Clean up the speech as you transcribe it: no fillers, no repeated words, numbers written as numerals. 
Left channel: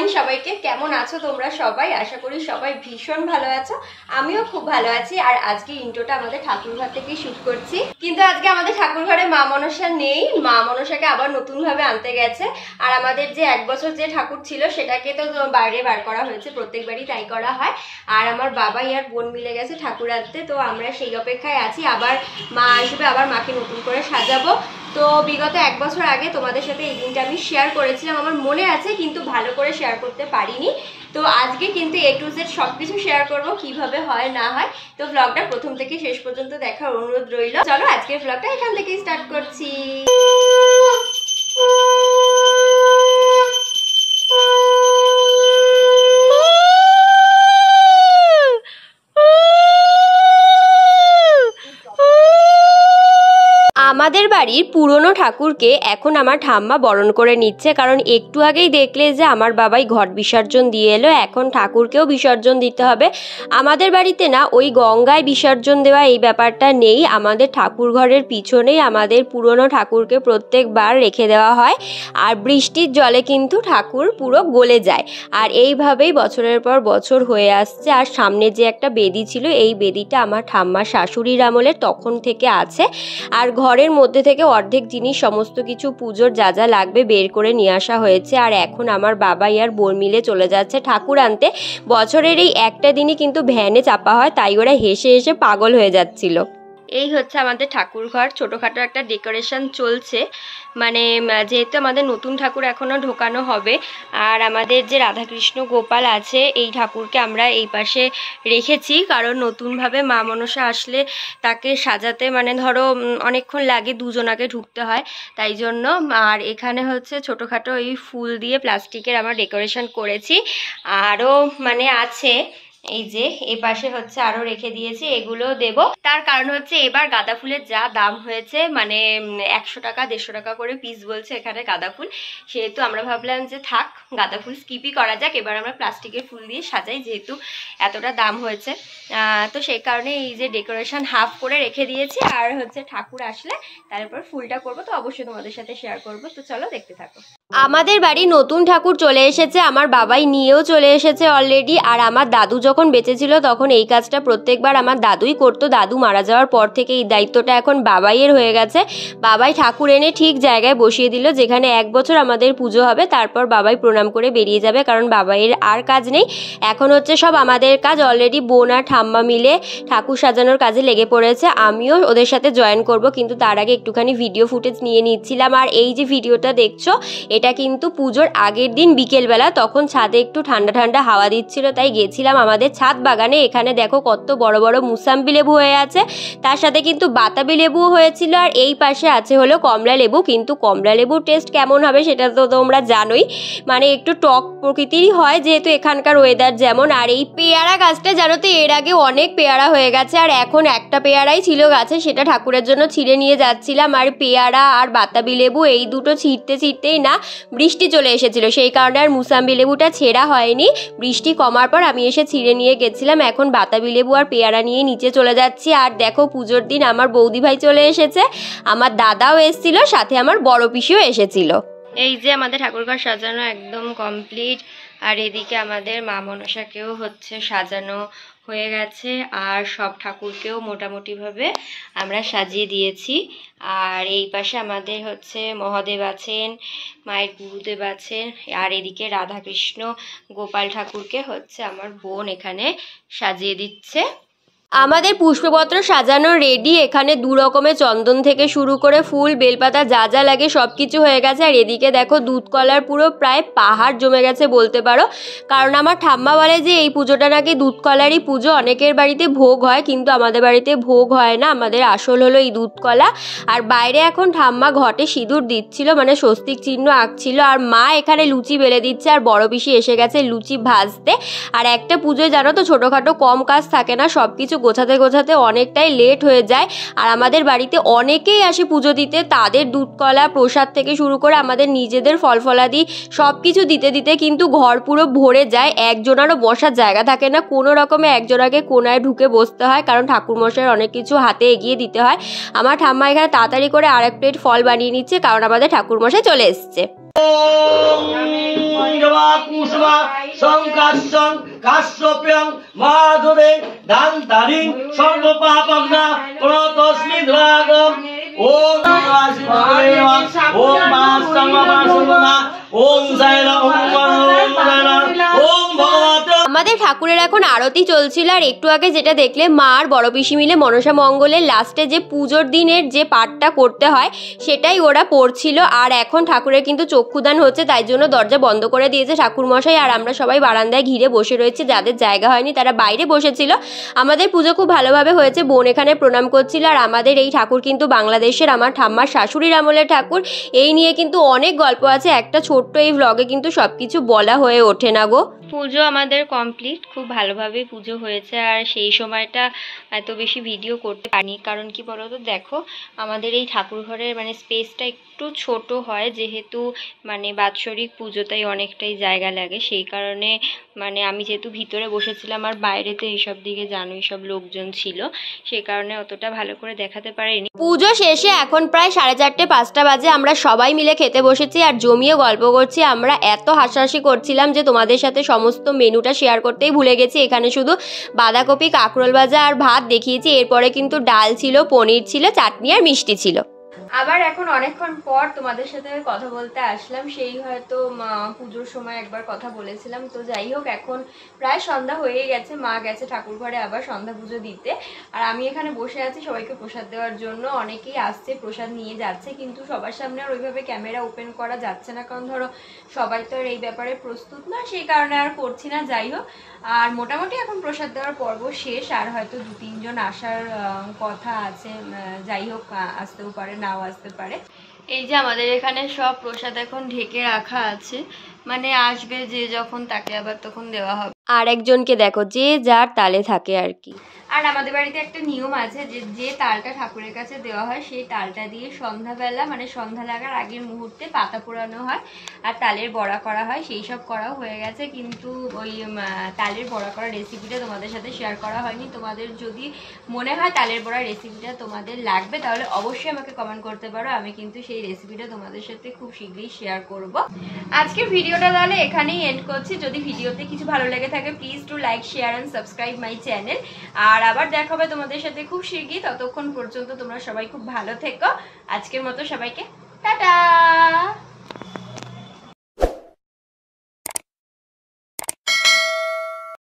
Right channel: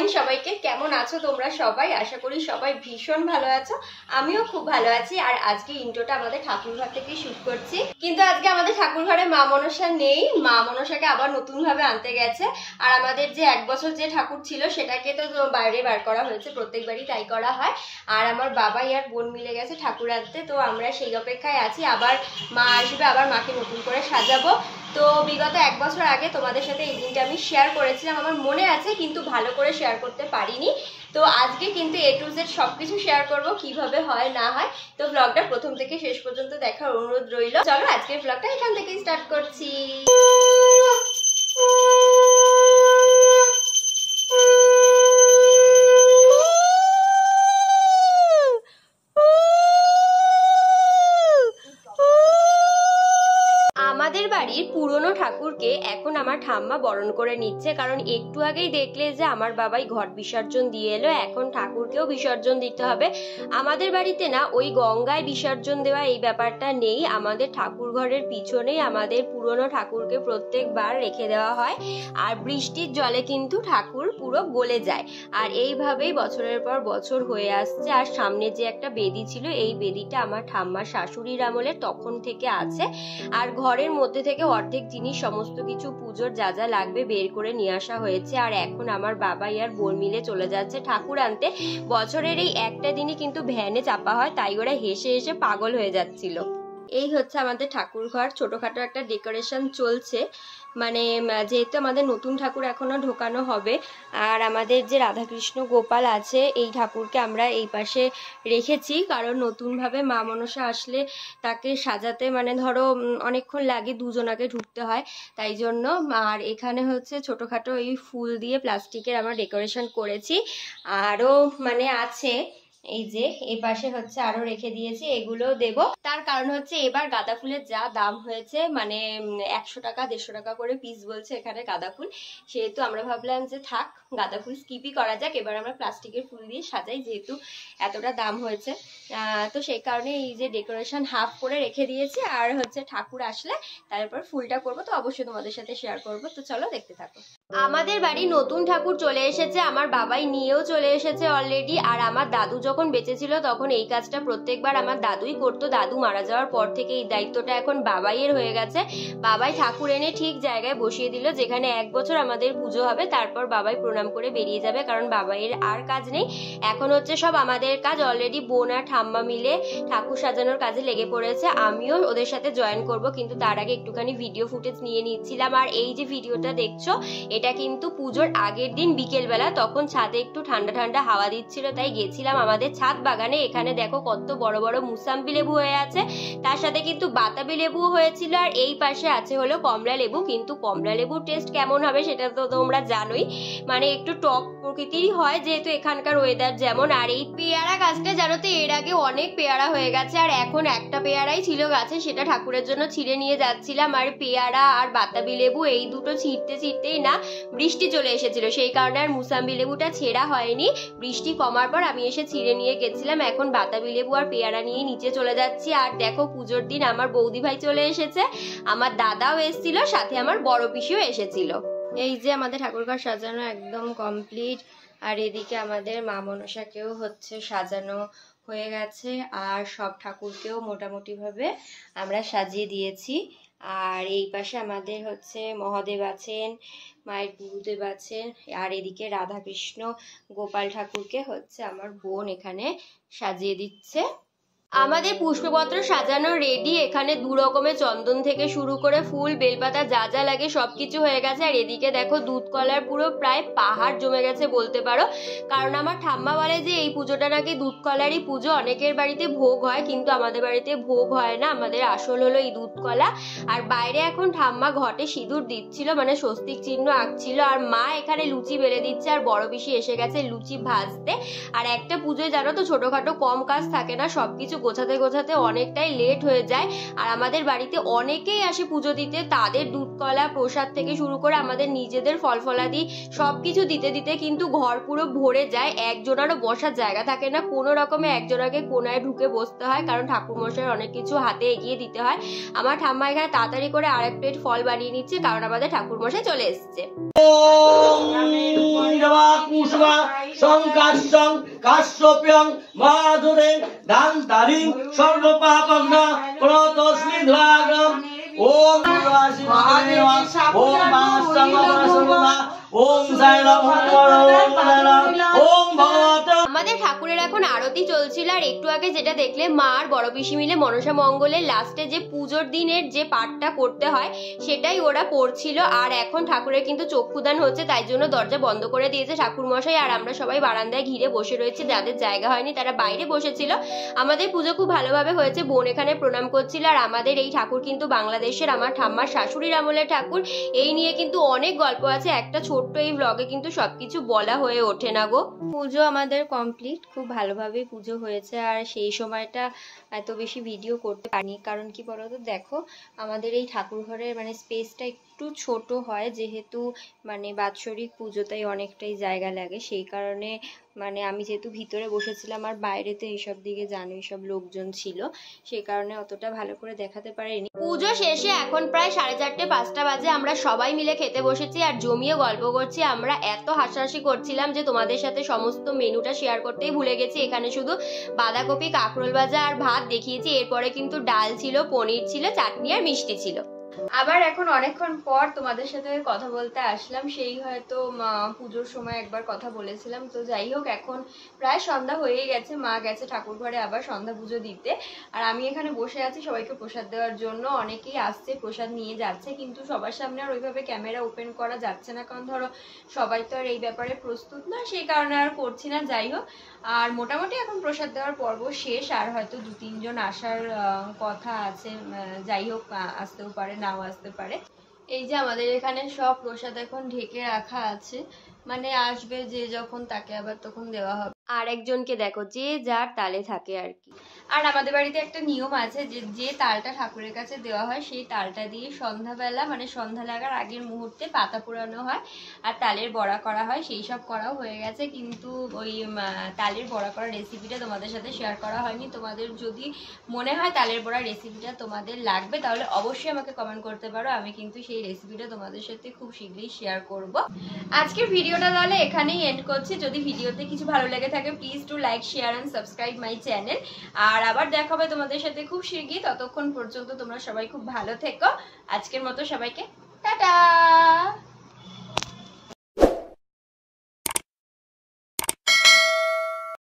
Morning সবাইকে। কেমন আছো তোমরা সবাই? আশা করি সবাই ভীষণ ভালো আছো, আমিও খুব ভালো আছি। আর আজকে ইন্ট্রোটা আমাদের ঠাকুরঘর থেকেই শুট করছি, কিন্তু আজকে আমাদের ঠাকুরঘরে মা মনসা নেই। মা মনসাকে আবার নতুন ভাবে আনতে গেছে। আর আমাদের যে 1 বছর যে ঠাকুর ছিল সেটাকে তো বাইরে বার করা হয়েছে, প্রত্যেকবারই তাই করা হয়। আর আমার বাবাই আর বোন মিলে গেছে ঠাকুর আনতে, তো আমরা সেই অপেক্ষায় আছি। আবার মা আসবে, আবার মাকে নতুন করে সাজাবো। তো বিগত 1 বছর আগে তোমাদের সাথে এই দিনটা আমি শেয়ার করেছিলাম, আমার মনে আছে, কিন্তু ভালো করে শেয়ার করতে পারিনি। তো আজকে কিন্তু A to Z সবকিছু শেয়ার করব, কিভাবে হয় না হয়। তো ব্লগটা প্রথম থেকে শেষ পর্যন্ত দেখার অনুরোধ রইল। চলো আজকের ব্লগটা এখান থেকেই স্টার্ট করছি। আমাদের বাড়ির পুরনো ঠাকুরকে এখন আমার ঠাম্মা বরণ করে নিচ্ছে, কারণ একটু আগেই দেখলে যে আমার বাবাই ঘট বিসর্জন দিয়ে এলো। এখন ঠাকুরকেও বিসর্জন দিতে হবে। আমাদের বাড়িতে না ওই গঙ্গায় বিসর্জন দেওয়া এই ব্যাপারটা নেই। আমাদের ঠাকুর ঘরের পিছনেই আমাদের পুরনো ঠাকুরকে প্রত্যেকবার রেখে দেওয়া হয়, আর বৃষ্টির জলে কিন্তু ঠাকুর পুরো গলে যায়। আর এইভাবেই বছরের পর বছর হয়ে আসছে। আর সামনে যে একটা বেদি ছিল, এই বেদিটা আমার ঠাম্মার শাশুড়ির আমলে তখন থেকে আছে। আর ঘরের মধ্যে থেকে অর্ধেক জিনিস, সমস্ত কিছু পুজোর যা যা লাগবে বের করে নিয়ে আসা হয়েছে। আর এখন আমার বাবাই আর বোন মিলে চলে যাচ্ছে ঠাকুর আনতে। বছরের এই একটা দিনই কিন্তু ভ্যানে চাপা হয়, তাই ওরা হেসে হেসে পাগল হয়ে যাচ্ছিল। এই হচ্ছে আমাদের ঠাকুর ঘর, ছোটোখাটো একটা ডেকোরেশন চলছে। মানে যেহেতু আমাদের নতুন ঠাকুর এখনও ঢোকানো হবে, আর আমাদের যে রাধাকৃষ্ণ গোপাল আছে এই ঠাকুরকে আমরা এই পাশে রেখেছি, কারণ নতুনভাবে মা মনসা আসলে তাকে সাজাতে মানে ধরো অনেকক্ষণ লাগে, দুজনাকে ঢুকতে হয়, তাই জন্য। আর এখানে হচ্ছে ছোটোখাটো এই ফুল দিয়ে প্লাস্টিকের আমরা ডেকোরেশন করেছি। আরও মানে আছে, এই যে এ পাশে হচ্ছে আরো রেখে দিয়েছি, এগুলো দেব। তার কারণ হচ্ছে এবার গাঁদা ফুলের যা দাম হয়েছে, মানে 100 টাকা 150 টাকা করে পিস বলছে এখানে গাঁদা ফুল। সেহেতু আমরা ভাবলাম যে থাক, গাঁদা ফুল স্কিপই করা যাক, এবার আমরা প্লাস্টিকের ফুল দিয়ে সাজাই, যেহেতু এতটা দাম হয়েছে। তো সেই কারণে এই যে ডেকোরেশন হাফ করে রেখে দিয়েছি। আর হচ্ছে ঠাকুর আসলে তারপর ফুলটা করবো, তো অবশ্যই তোমাদের সাথে শেয়ার করবো। তো চলো দেখতে থাকো। আমাদের বাড়ি নতুন ঠাকুর চলে এসেছে, আমার বাবাই নিয়েও চলে এসেছে অলরেডি। আর আমার দাদু যখন বেঁচে ছিল তখন এই কাজটা প্রত্যেকবার আমার দাদুই করতো। দাদু মারা যাওয়ার পর থেকে এই দায়িত্বটা এখন বাবাইয়ের হয়ে গেছে। বাবাই ঠাকুর এনে ঠিক জায়গায় বসিয়ে দিল, যেখানে 1 বছর আমাদের পুজো হবে। তারপর বাবাই প্রণাম করে বেরিয়ে যাবে, কারণ বাবাইয়ের আর কাজ নেই, এখন হচ্ছে সব আমাদের কাজ। অলরেডি বোন আর ঠাম্মা মিলে ঠাকুর সাজানোর কাজে লেগে পড়েছে, আমিও ওদের সাথে জয়েন করব, কিন্তু তার আগে একটুখানি ভিডিও ফুটেজ নিয়ে নিচ্ছিলাম। আর এই যে ভিডিওটা দেখছো, এটা কিন্তু পুজোর আগের দিন বিকেলবেলা, তখন ছাদে একটু ঠান্ডা ঠান্ডা হাওয়া দিচ্ছিল, তাই গেছিলাম আমাদের ছাদ বাগানে। এখানে দেখো কত বড় বড় মুসাম্বি লেবু হয়ে আছে, তার সাথে কিন্তু বাতাবি লেবুও হয়েছিল। আর এই পাশে আছে হলো কমলা লেবু, কিন্তু কমলা লেবুর টেস্ট কেমন হবে সেটা তো তোমরা জানোই, মানে একটু টক প্রকৃতিরই হয়, যেহেতু এখানকার ওয়েদার যেমন। আর এই পেয়ারা গাছটা জানো তো, এর আগে অনেক পেয়ারা হয়ে গেছে, আর এখন একটা পেয়ারাই ছিল গাছে, সেটা ঠাকুরের জন্য ছিঁড়ে নিয়ে যাচ্ছিলাম। আর পেয়ারা আর বাতাবি লেবু এই দুটো ছিঁড়তেই না বৃষ্টি চলে এসেছিল, সেই কারণে আর মুসাম্বি লেবুটা ছেঁড়া হয়নি। বৃষ্টি কমার পর আমি এসে ছিঁড়ে নিয়ে গেছিলাম। এখন বাতাবি লেবু আর পেয়ারা নিয়ে নিচে চলে যাচ্ছি। আর দেখো পুজোর দিন আমার বৌদি ভাই চলে এসেছে, আমার দাদাও এসেছিল, সাথে আমার বড় পিসিও এসেছিল। এই যে আমাদের ঠাকুরঘর সাজানো একদম কমপ্লিট। আর এদিকে আমাদের মা মনসাকেও হচ্ছে সাজানো হয়ে গেছে, আর সব ঠাকুরকেও মোটামুটিভাবে আমরা সাজিয়ে দিয়েছি। আর এই পাশে আমাদের হচ্ছে মহাদেব আছেন, মায়ের গুরুদেব আছেন, আর এদিকে রাধাকৃষ্ণ গোপাল ঠাকুরকে হচ্ছে আমার বোন এখানে সাজিয়ে দিচ্ছে। আমাদের পুষ্পপত্র সাজানো রেডি। এখানে 2 রকমের চন্দন থেকে শুরু করে ফুল, বেলপাতা যা যা লাগে সব কিছু হয়ে গেছে। আর এদিকে দেখো দুধ কলার পুরো প্রায় পাহাড় জমে গেছে বলতে পারো, কারণ আমার ঠাম্মা বলে যে এই পুজোটা নাকি দুধ কলারই পুজো। অনেকের বাড়িতে ভোগ হয়, কিন্তু আমাদের বাড়িতে ভোগ হয় না, আমাদের আসল হলো এই দুধ কলা। আর বাইরে এখন ঠাম্মা ঘটে সিঁদুর দিচ্ছিল, মানে স্বস্তিক চিহ্ন আঁকছিল। আর মা এখানে লুচি বেলে দিচ্ছে, আর বড় পিসি এসে গেছে লুচি ভাজতে। আর একটা পুজোয় জানো তো ছোটোখাটো কম কাজ থাকে না, সব কিছু গোছাতে গোছাতে অনেকটাই লেট হয়ে যায়। আর আমাদের বাড়িতে অনেকেই আসে পুজো দিতে, তাদের দুধ কলা প্রসাদ থেকে শুরু করে আমাদের নিজেদের ফল ফলাদি সব কিছু দিতে দিতে কিন্তু ঘর পুরো ভরে যায়। একজনারও বসার জায়গা থাকে না, কোনো রকমে একজনাকে কোনায় ঢুকে বসতে হয়, কারণ ঠাকুরমশাইয়ের অনেক কিছু হাতে এগিয়ে দিতে হয়। আমার ঠাম্মা এখানে তাড়াতাড়ি করে আরেক প্লেট ফল বানিয়ে নিচ্ছে, কারণ আমাদের ঠাকুরমশাই চলে এসছে। আমাদের ঠাকুরের এখন আরতি চলছিল, আর একটু আগে যেটা দেখলে মা আর বড় পিসি মিলে মনসা মঙ্গলের লাস্টে যে পুজোর দিনের যে পাঠটা করতে হয় সেটাই ওরা পড়ছিল। আর এখন ঠাকুরের কিন্তু চক্ষুদান হচ্ছে, তাই জন্য দরজা বন্ধ করে দিয়েছে ঠাকুরমশাই, আর আমরা সবাই বারান্দায় ঘিরে বসে রয়েছি। যাদের জায়গা হয়নি তারা বাইরে বসেছিল। আমাদের পুজো খুব ভালোভাবে হয়েছে, বোন এখানে প্রণাম করছিল। আর আমাদের এই ঠাকুর কিন্তু বাংলাদেশের আমার ঠাম্মার শাশুড়ির আমলের ঠাকুর। এই নিয়ে কিন্তু অনেক গল্প আছে, একটা ছোট্ট এই ভ্লগে কিন্তু সবকিছু বলা হয়ে ওঠে না গো। পুজো আমাদের কমপ্লিট, খুব ভালোভাবে পুজো হয়েছে। আর সেই সময়টা এত বেশি ভিডিও করতে পারিনি, কারণ কি বলতো, দেখো আমাদের এই ঠাকুর ঘরের মানে স্পেসটা একটু ছোট হয়, যেহেতু মানে বাৎসরিক পুজো, তাই অনেকটাই জায়গা লাগে। সেই কারণে মানে আমি যেহেতু ভিতরে বসেছিলাম আর বাইরেতে এইসব দিকে জানো এইসব লোকজন ছিল, সেই কারণে অতটা ভালো করে দেখাতে পারিনি। পুজো শেষে এখন প্রায় 4:30-5টা বাজে, আমরা সবাই মিলে খেতে বসেছি আর জমিয়ে গল্প করছি। আমরা এত হাসাহাসি করছিলাম যে তোমাদের সাথে সমস্ত মেনুটা শেয়ার করতেই ভুলে গেছি। এখানে শুধু বাঁধাকপি, কাঁকরোল ভাজা আর ভাত দেখিয়েছি, এরপরে কিন্তু ডাল ছিল, পনির ছিল, চাটনি আর মিষ্টি ছিল। আবার এখন অনেকক্ষণ পর তোমাদের সাথে কথা বলতে আসলাম, সেই হয়তো পুজোর সময় একবার কথা বলেছিলাম। তো যাই হোক, এখন প্রায় সন্ধ্যা হয়ে গেছে, মা গেছে ঠাকুর ঘরে আবার সন্ধ্যা পুজো দিতে, আর আমি এখানে বসে আছি সবাইকে প্রসাদ দেওয়ার জন্য। অনেকেই আসছে, প্রসাদ নিয়ে যাচ্ছে, কিন্তু সবার সামনে আর ওইভাবে ক্যামেরা ওপেন করা যাচ্ছে না, কারণ ধরো সবাই তো আর এই ব্যাপারে প্রস্তুত না, সেই কারণে আর করছি না। যাই হোক, আর মোটামুটি এখন প্রসাদ দেওয়ার পর্ব শেষ, আর হয়তো 2-3 জন আসার কথা আছে। যাই হোক, আসতেও পারে, নাও আসতে পারে। এই যে আমাদের এখানে সব প্রসাদ এখন ঢেকে রাখা আছে, মানে আসবে যে যখন তাকে আবার তখন দেওয়া হবে। আর একজনকে দেখো, যে যার তালে থাকে আর কি। আর আমাদের বাড়িতে একটা নিয়ম আছে যে যে তালটা ঠাকুরের কাছে দেওয়া হয় সেই তালটা দিয়ে সন্ধ্যাবেলা মানে সন্ধ্যা লাগার আগের মুহূর্তে পাতা পোড়ানো হয় আর তালের বড়া করা হয়। সেই সব করাও হয়ে গেছে, কিন্তু ওই তালের বড়া করার রেসিপিটা তোমাদের সাথে শেয়ার করা হয়নি। তোমাদের যদি মনে হয় তালের বড়ার রেসিপিটা তোমাদের লাগবে তাহলে অবশ্যই আমাকে কমেন্ট করতে পারো, আমি কিন্তু সেই রেসিপিটা তোমাদের সাথে খুব শীঘ্রই শেয়ার করব। আজকের ভিডিওটা তাহলে এখানেই এন্ড করছি। যদি ভিডিওতে কিছু ভালো লেগে থাকে please to like, share and subscribe my channel. আর আবার দেখা হবে তোমাদের সাথে খুব শীঘ্রই, ততক্ষণ পর্যন্ত তোমরা সবাই খুব ভালো থেকো। আজকের মতো সবাইকে টাটা।